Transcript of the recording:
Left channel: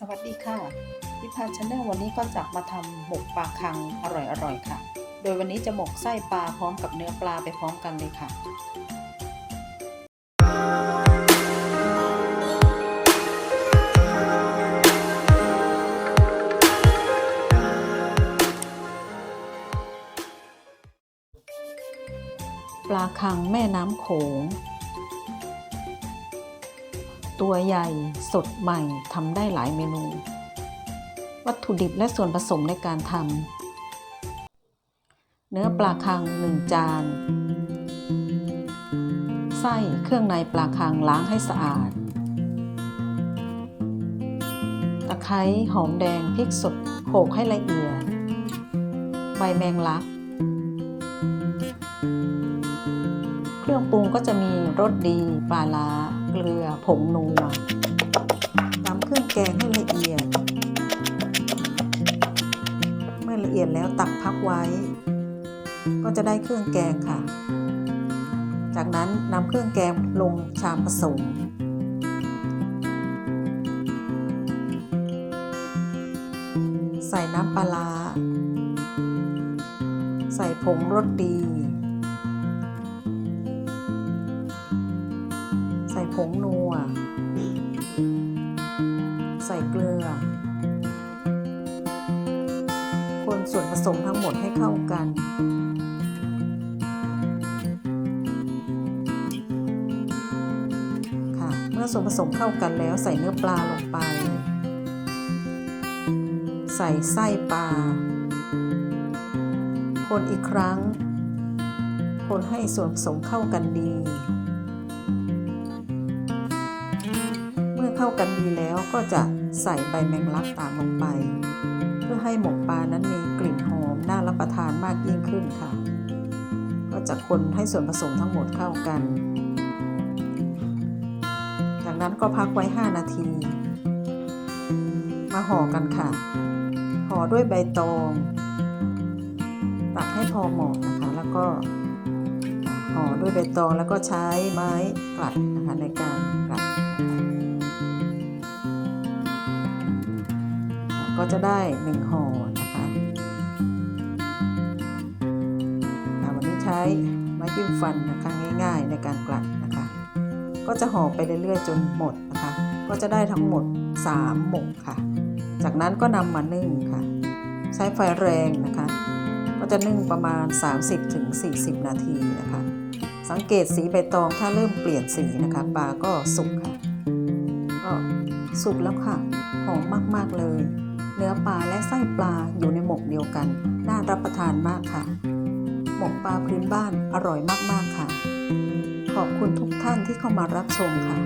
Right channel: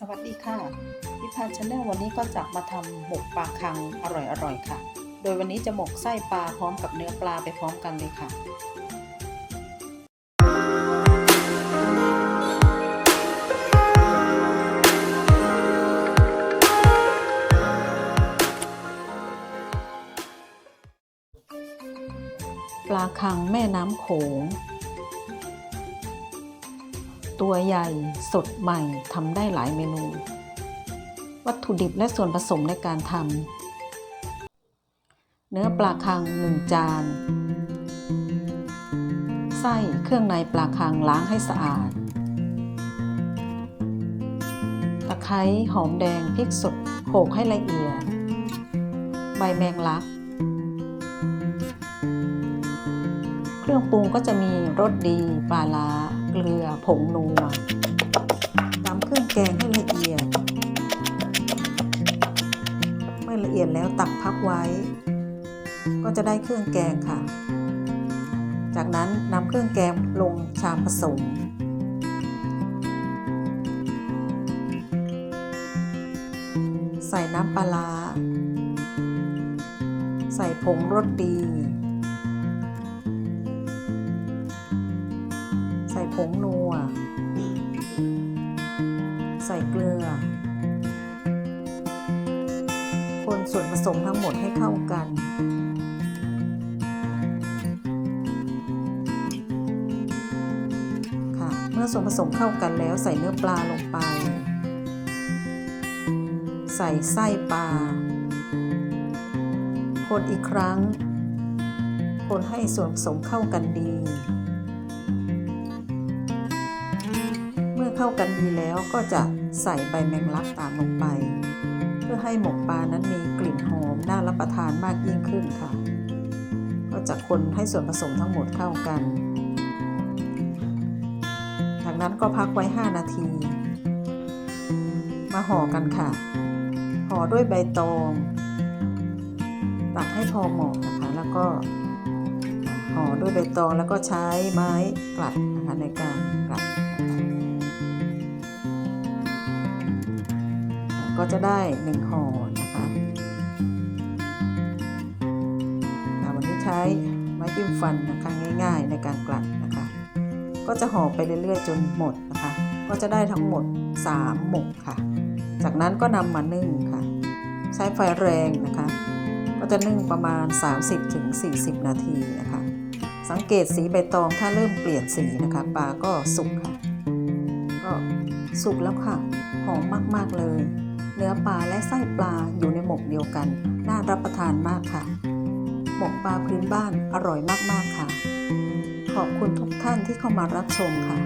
สวัสดีค่ะพิพาชาแนลวันนี้ก็จะมาทำหมกปลาคังอร่อยๆค่ะ โดยวันนี้จะหมกไส้ปลาพร้อมกับเนื้อปลาไปพร้อมกันเลยค่ะ ปลาคังแม่น้ำโขง ตัวใหญ่สดใหม่ทำได้หลายเมนู วัตถุดิบและส่วนผสมในการทำเนื้อปลาคัง 1 จาน ไส้เครื่องในปลาคังล้างให้สะอาด ตะไคร้หอมแดงพริกสดโขลกให้ละเอียด ใบแมงลัก เครื่องปรุงก็จะมีรสดี ปลาล้า เกลือ ผงนัวตำเครื่องแกงให้ละเอียด เมื่อละเอียดแล้วตักพักไว้ ก็จะได้เครื่องแกงค่ะ จากนั้นนำเครื่องแกงลงชามผสมใส่น้ำปลาร้าใส่ผงรสดี ส่ผงนัว ใส่เกลือ คนส่วนผสมทั้งหมดให้เข้ากัน ค่ะ เมื่อส่วนผสมเข้ากันแล้วใส่เนื้อปลาลงไป ใส่ไส้ปลา คนอีกครั้ง คนให้ส่วนผสมเข้ากันดี เมื่อเข้ากันดีแล้วก็จะใส่ใบแมงลักตามลงไป เพื่อให้หมกปลานั้นมีกลิ่นหอมน่ารับประทานมากยิ่งขึ้นค่ะ ก็จะคนให้ส่วนผสมทั้งหมดเข้ากัน จากนั้นก็พักไว้ 5 นาที มาห่อกันค่ะ ห่อด้วยใบตอง ตักให้พอเหมาะนะคะ แล้วก็ห่อด้วยใบตองแล้วก็ใช้ไม้กลัดนะคะในการกลัดนะคะ ก็จะได้หนึ่งห่อนะคะอ่าวันนี้ใช้ไม้จิ้มฟันนะคะง่ายๆในการกลัดนะคะ ก็จะห่อไปเรื่อยๆ จนหมดนะคะ ก็จะได้ทั้งหมด 3 หมกค่ะ จากนั้นก็นำมานึ่งค่ะ ใช้ไฟแรงนะคะ ก็จะนึ่งประมาณ 30-40 นาทีนะคะ สังเกตสีใบตองถ้าเริ่มเปลี่ยนสีนะคะปลาก็สุกค่ะ ก็สุกแล้วค่ะ หอมมากๆเลย เนื้อปลาและไส้ปลาอยู่ในหมกเดียวกัน น่ารับประทานมากค่ะ หมกปลาพื้นบ้านอร่อยมากๆค่ะ ขอบคุณทุกท่านที่เข้ามารับชมค่ะ